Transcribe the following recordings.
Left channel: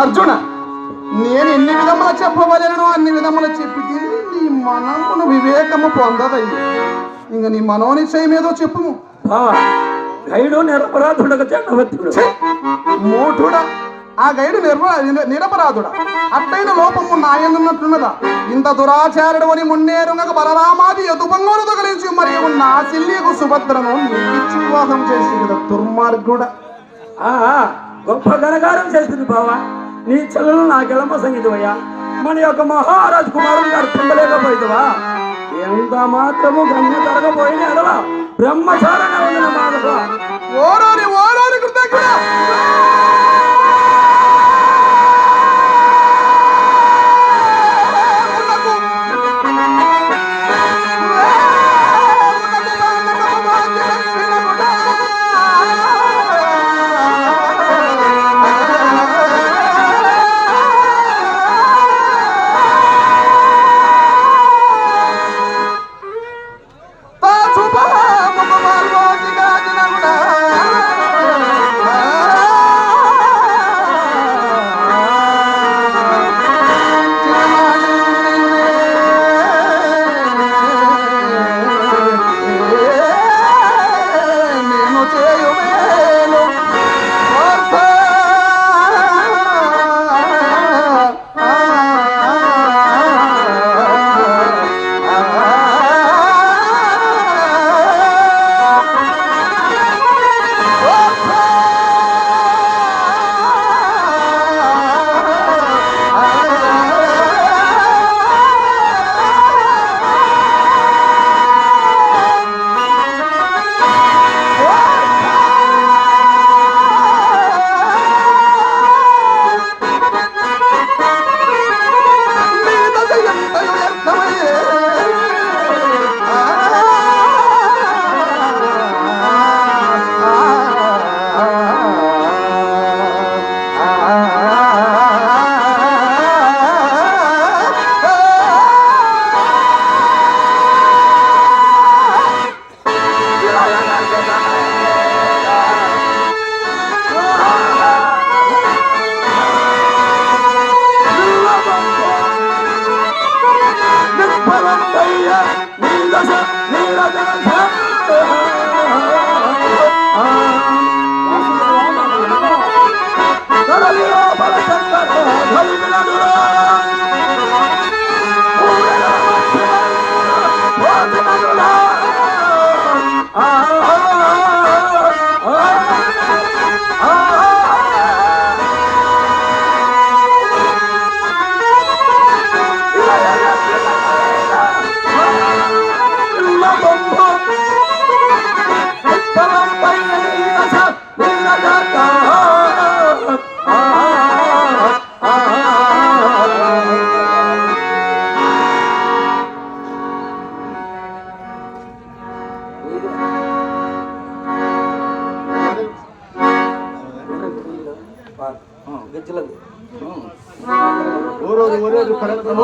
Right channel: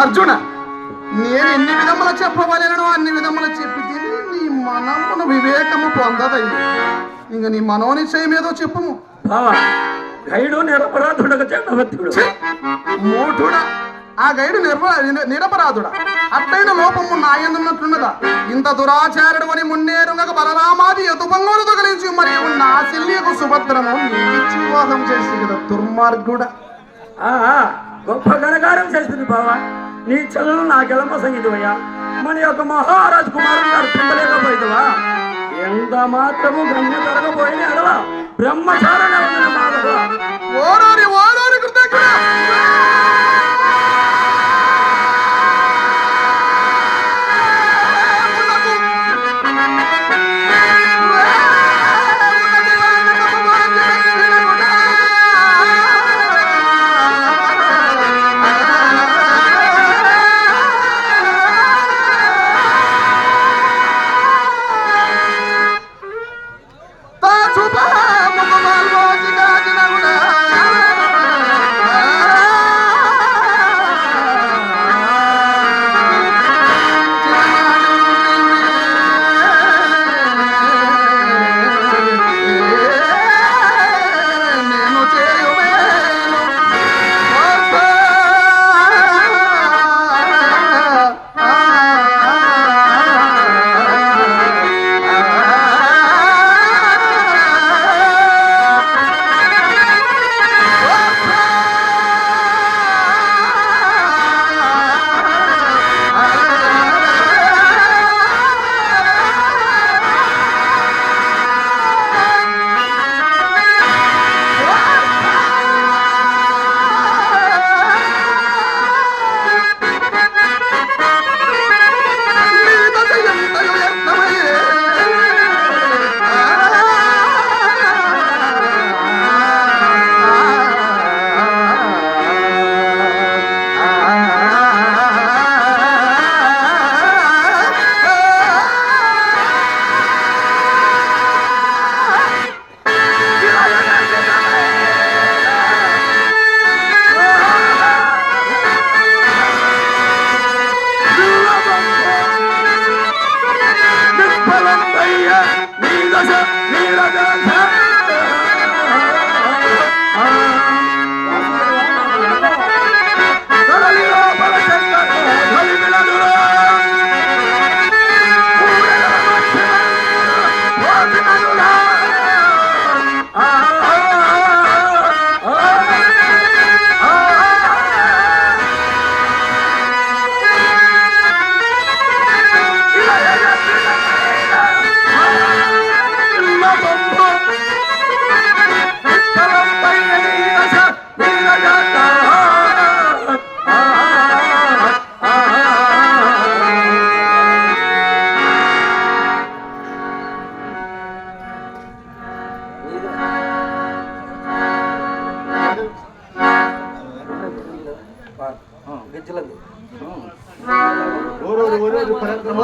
అర్జున, నేను ఎన్ని విధములు చెప్పవలను అన్ని విధములు చెప్పి నీ మనమును వివేకము పొందదయ్యి. ఇంక నీ మనోనిశ్చయం ఏదో చెప్పుము. గైడు నిరపరాధుడక చక్రవర్తుడు. మూఢుడా, ఆ గైడు నిరపరాధుడా? అట్టైన లోపము నాయనున్నట్లున్నదా? ఇంత దురాచారుడు అని మున్నేరునక బలరామాది ఎదుపంగోలు తగిలించి మరియు నా చెల్లియకు సుభద్రను ఇచ్చి వివాహం చేసి కదా దుర్మార్గుడా. గొప్ప ఘనకార్యం చేసింది బావా. నీ చెల్లెలు నాకెలంప సంగీతమయ్యా. మన యొక్క మహారాజు కుమారుడు గారు పొందలేకపోయితవా? ఎంత మాత్రము గమ్య తరగపోయిన ఎడలా బ్రహ్మచారి బాధగా ఓరారి ఓరారి కృతజ్ఞ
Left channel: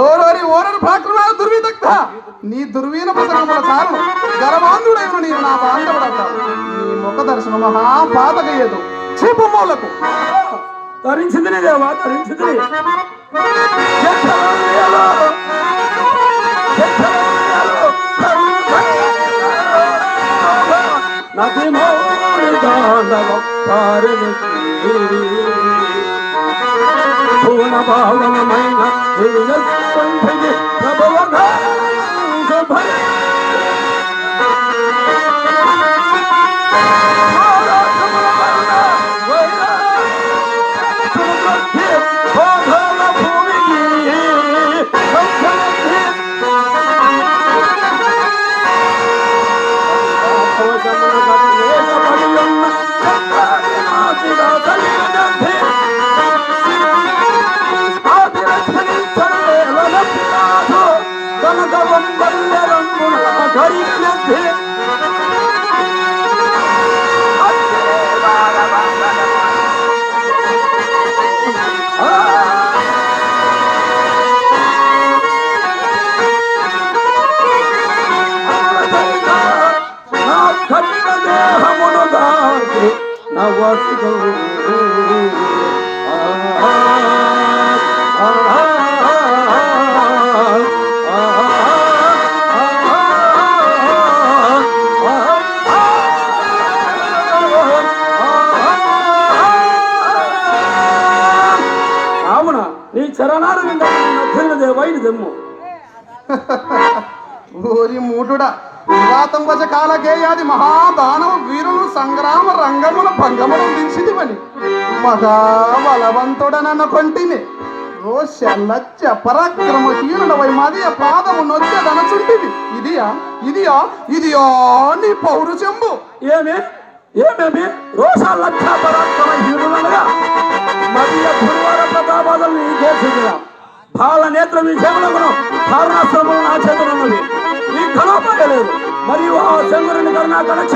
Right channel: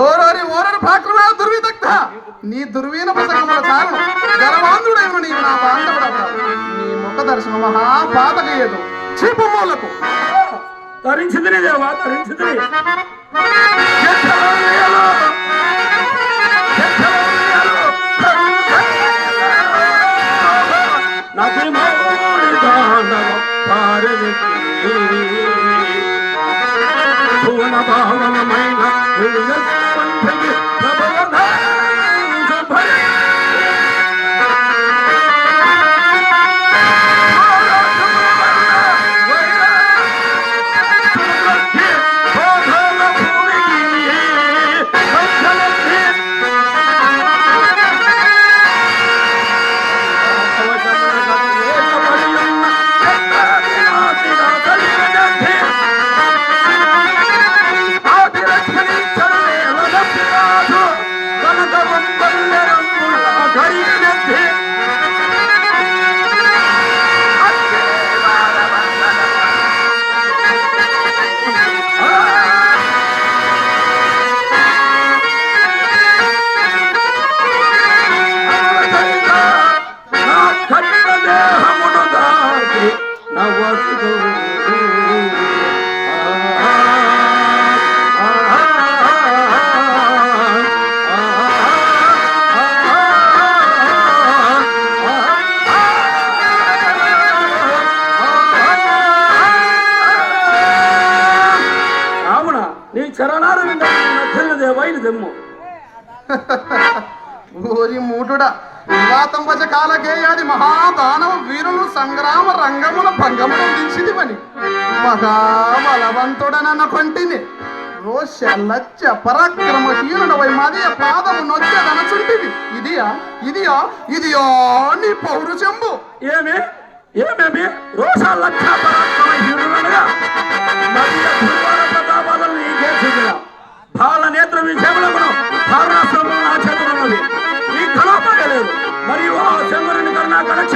ఓరోరి ఓరోరి భాగ్యమా దుర్విదగ్ధ. నీ దుర్వీన పుస్తకముల చాలు గర్వాంధుడైన నీవు నా బాంధవుడవుతావు. నీ ముఖ దర్శనం మహాపాతకయ్యదు. చీపు మూలకు ధరించింది దేవా, ధరించింది. పూర్ణ భావనమైన కనకవంబల్లరంబు నీ చరణాలు వింటే వైరు దెమ్ము. ఓరి మూటుడా, వివాతం వచ కాల గేయాది మహాదానవ వీరులు సంగ్రామ రంగముల భంగములు దించిదివని మగా బలవంతుడనన్న కొంటిని ఓ శల్లచ్చ పరాక్రమహీనుడవై మదియ పాదము నొచ్చెదనచుంటివి. ఇదియా నీ పౌరుషంబు. ఏమేమి రోషాలక్ష పరాక్రమహీనుడనగా మదియ గురువర ప్రతాపాలను నీకే చూపుదాం. బాల నేత్ర విషయములను కారణాశ్రమం నా చేతున్నది. ఈ కలపలేదు మరియు ఆ శంకరుని కరుణా కనక్ష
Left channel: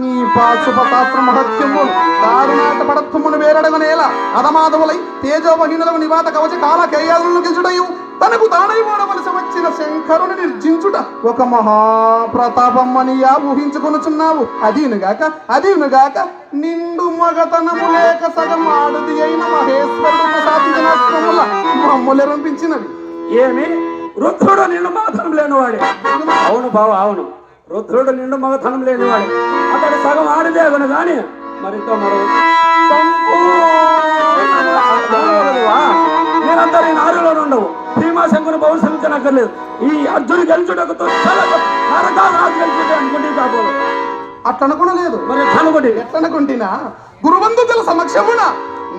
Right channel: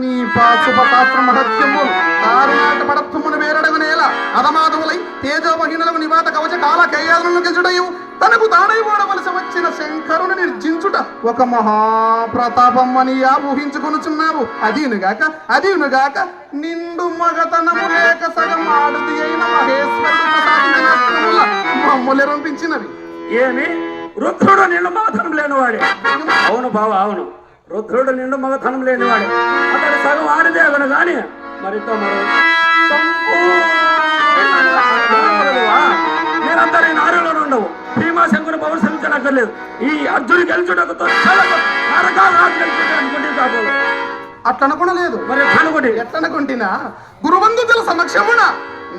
నీ పాశుపతాస్త్ర మహత్యము దారుణాట పడత్వమును వేరడగనేల అధమాధవులై తేజోమహీనులకు నివాత కవచ కాల కేయాలను గెలుచుటయు తనకు దానై వాడవలసి వచ్చిన శంకరుని నిర్జించుట ఒక మహాప్రతాపమ్మనియా ఊహించుకొనుచున్నావు. అదీనుగాక నిండు మగతనము లేక సగం ఆడుది అయిన మహేశ్వరుడు సాధించిన అస్త్రముల మమ్ములెరంపించినవి. ఏమి రుద్రుడు నిండు మగతనం లేనివాడు? అవును బావ, అవును, రుద్రుడు నిండు మగతనం లేనివాడు. అతడు సగం ఆడితే అగను గాని మరింత మీరందరూ నారులో ఉండవు. భీమాశంకరు పౌరుషించనక్కర్లేదు. ఈ అర్జును గెలుచుటకు అనుకుంటే కాబోదు. అట్లనుకునలేదు మరి కనుగొని ఎట్లనుకుంటున్నా గురువంతుల సమక్షమున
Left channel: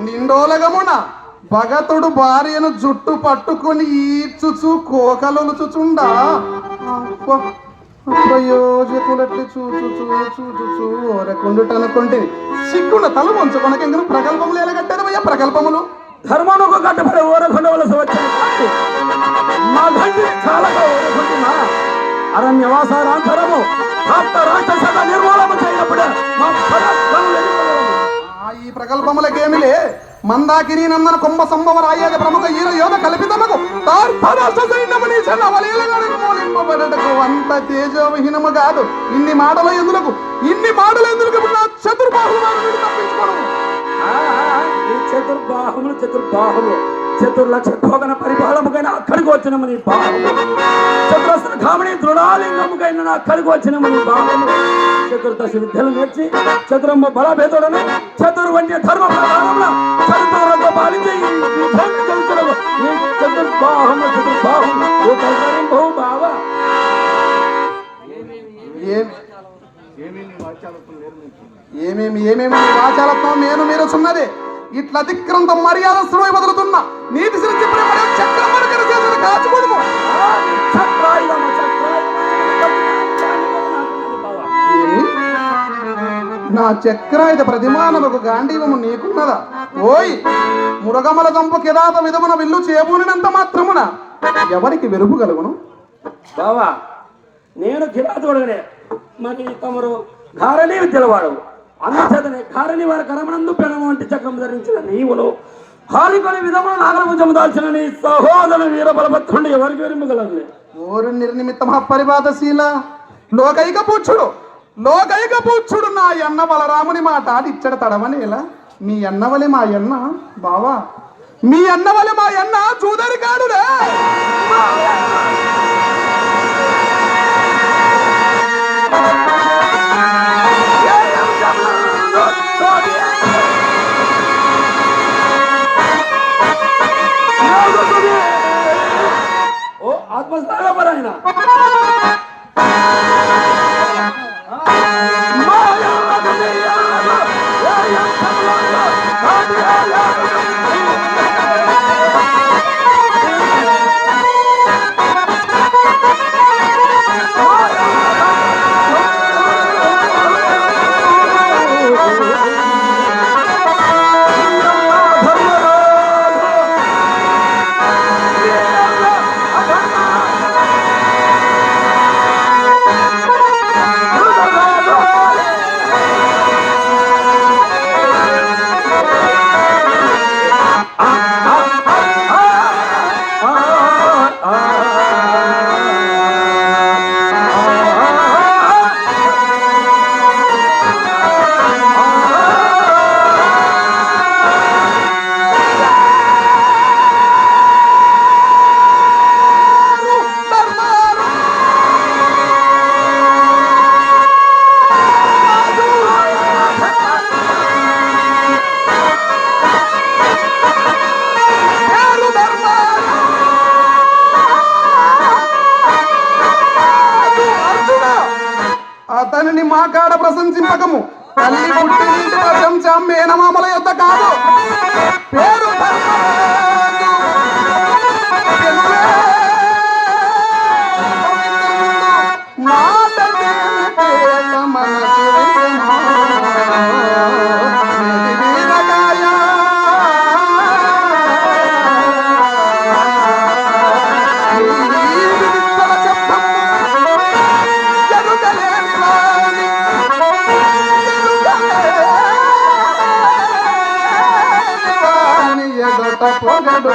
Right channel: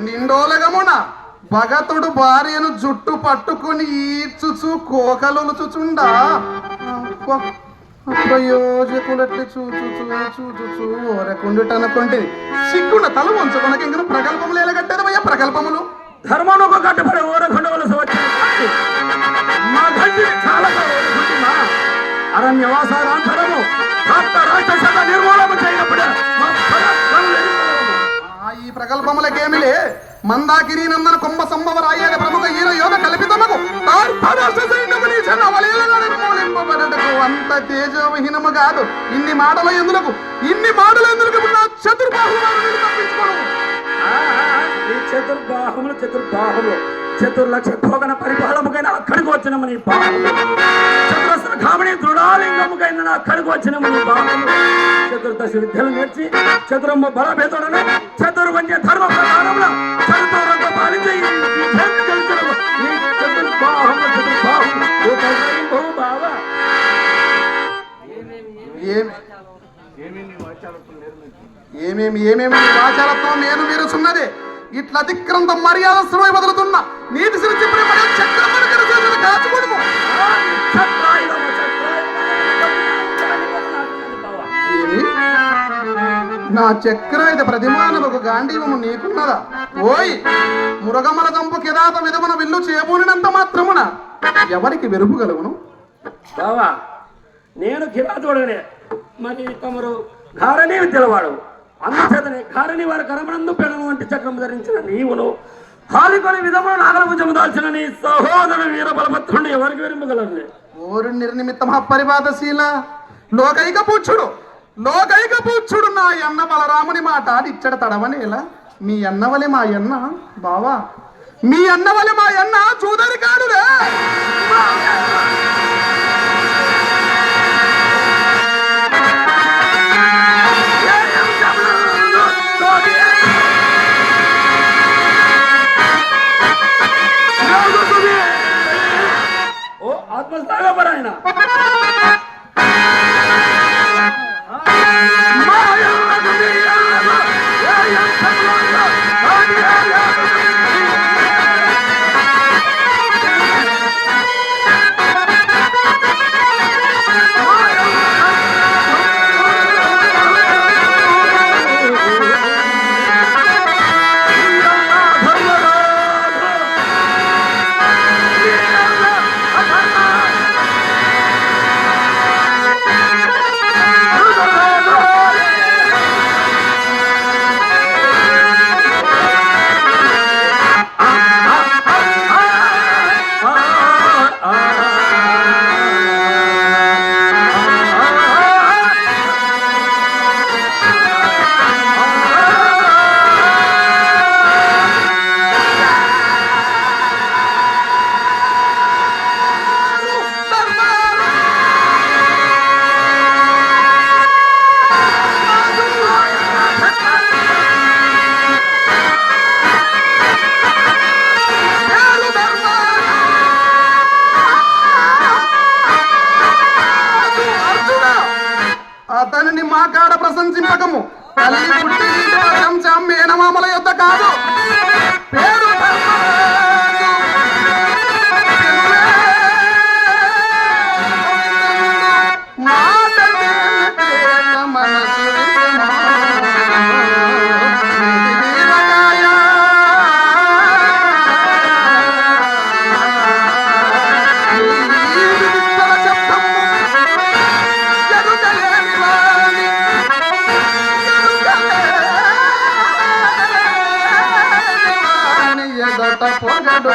నిండోలగమున భగతుడు భార్యను జుట్టు పట్టుకుని ఈడ్చుచు కోకలొలుచుచుండా ప్రయోజకులట్లు చూచు ఓరకుండుటనుకుంటే సిగ్గుండ తల వంచుకొనక ఇంకా ప్రగల్భములు ఎలగట్టేదవయ్యా ప్రగల్భములు. ధర్మముకు కట్టుబడి ఓరకుండవలసి వచ్చిన మా తండ్రి చాలా ఓరకుంటున్నా అరణ్యవాసారాంతరము రాక్షస నిర్మూలము చేయనప్పుడు ఈ ప్రగల్భములకేమిలే మందాకిరి నందన కుంభ సంభవ రాయగ ప్రముఖ ఈల యోగ కల్పితముకు అంత తేజోవిహీనము కాదు. ఇన్ని మాటల ఎందులకు చతుర్బాహుములు చతుర్లక్ష భోగన పరిపాలముకైనా అక్కడికి వచ్చినము నీ బాహము. చతురస్ర కామిని దృఢాలింగముకైనా అక్కడికి వచ్చినము నీ బాహము. చతుర్దశ విద్యలు నేర్చి చతురమ్మ బలభేదుడను చతుర్వన్య ధర్మ ప్రధానంలో చతుర్రంగ పాలించి చతుర్బాహము బావ. ఏమేమి ఆచారత్వం నేను మీరు సున్నదే ఇట్లా అతిక్రమంతో మర్యాదస్త్రమై బదులుతున్నా నీటి సిరించి నా చక్రాయుధ ప్రతిమానముకు గాంధీవము నీకున్నదా? ఓయ్ మురగమల దంపు కిరాత విధమున విల్లు చేయబూనినంత మాత్రమున ఎవరికి వెరుపుగలుగును? బావా, నేను కిరాతుడే, మరి తమరు ధారణి విద్యలవాడు. అందుచేతని ధారణి వారి కరమనందు పెనము వంటి చక్రం ధరించిన నీవులు హారిపని విధము నాగరభుజము దాల్చిన నీ సహోదర వీర బలభద్రుడు ఎవరికి వెరుపుగలరు? ఓరు నిర్నిమిత్త మహాపరిపాతశీల లోకైక పూచ్చుడు నా ఎన్న బలరాముని మాట ఇచ్చడ తడవనేలా మీ అన్నవలే మా అన్న బావా, మీ అన్నవలే మా అన్న చూదరి కాడులే. ఓ ఆత్మస్థాగపరాయణ ప్రశంసింపకము. తల్లి పుట్టింటి ప్రశంసం మేనమామల యొద్ద కాదు. పేరు ధర్మరాజు మాట తీరితేల మనసు పొగడు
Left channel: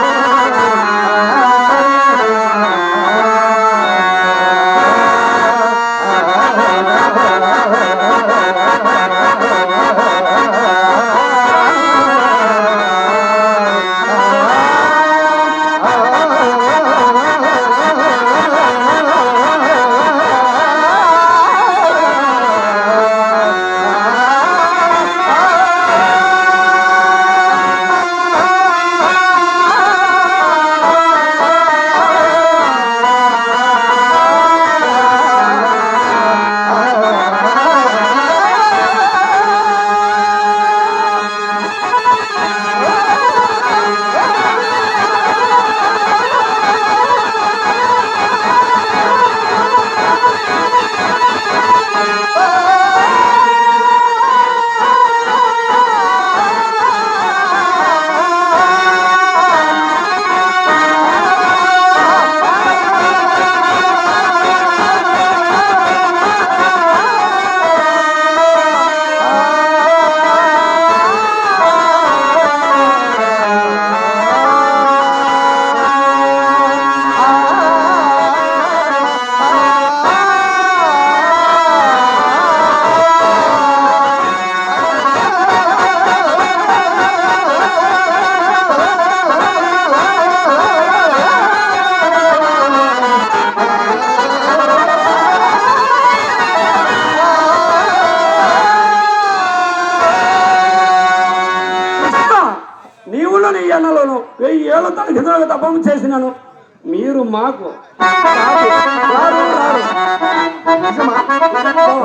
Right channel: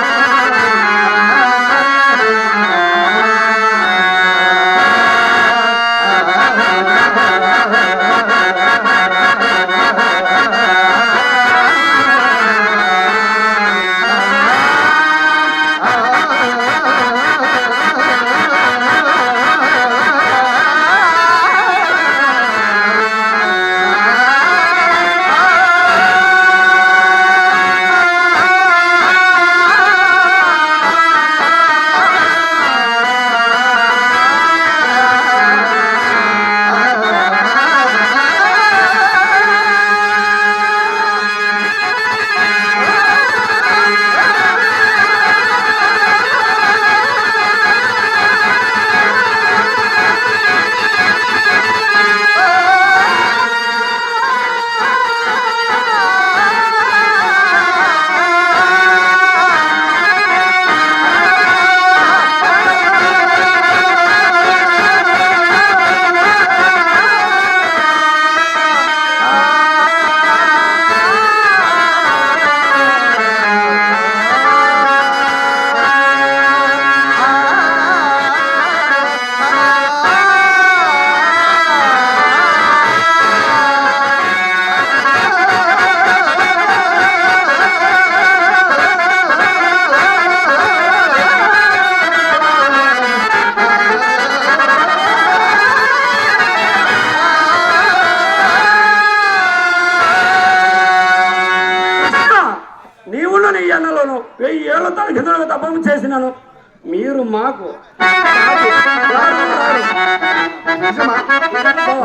నీవును నీ ఎన్నలోను 1000 ఏళ్ళ తరగతులకు తపం చేసినాను. మీరు మాకు రారు.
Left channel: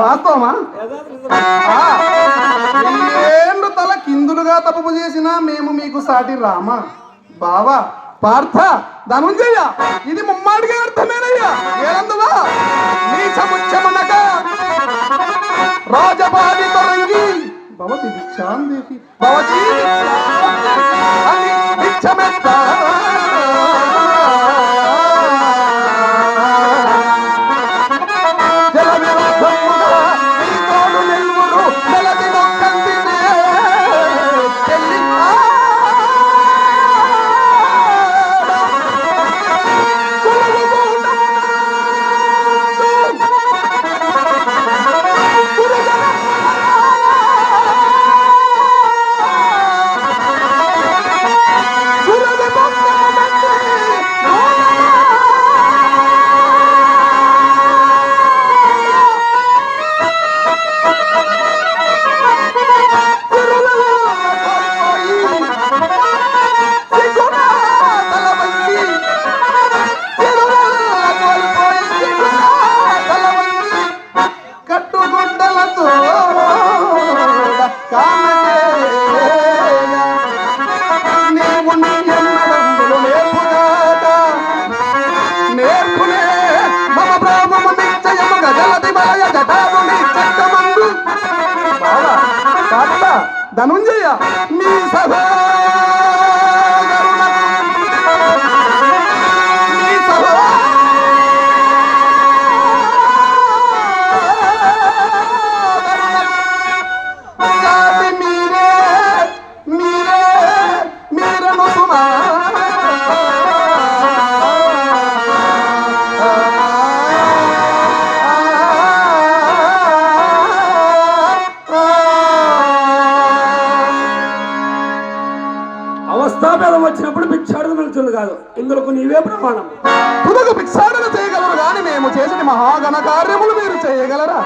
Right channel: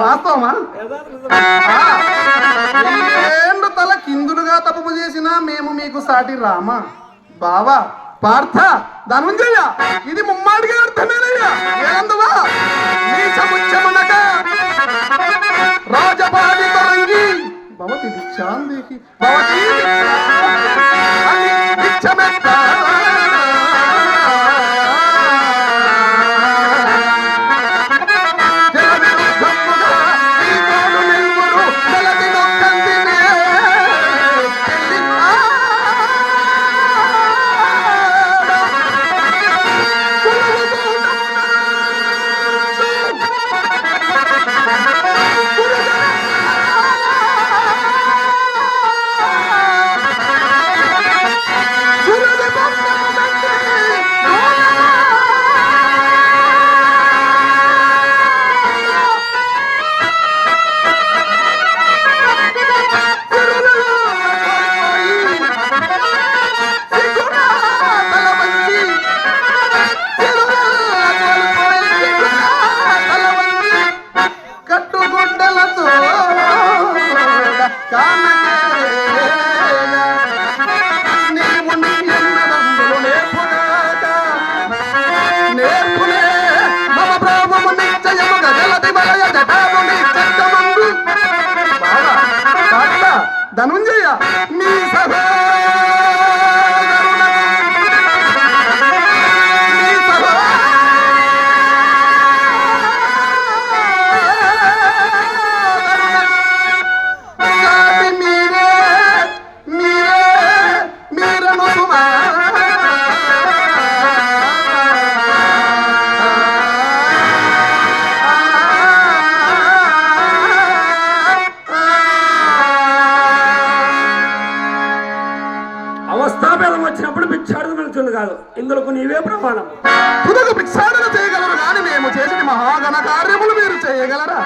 వాస్తవమా? ఏళ్ళు తల కిందులుగా తప్పు చేసినా మేము మీకు సాటి రామా? బావా పార్థ ధనుంజయ, ఇది ముమ్మాడిగా అర్థమేనయ్యా. ఏందువా నీ సముచ్చమనక రాజపాది తరంగి భవతి భిక్షాందేహి భవతి భిక్షమెత్త ధనుంజయ మీ మీరను సుమా అవస్థాభేదం వచ్చినప్పుడు భిక్షాటన పిలుచుంది కాదు. ఇందులో నీవే ప్రమాణం. తుదకు భిక్షాటన చేయగలరు కానీ మేము చేసిన మహాగణ కార్యములు మీరు చేయగలరా?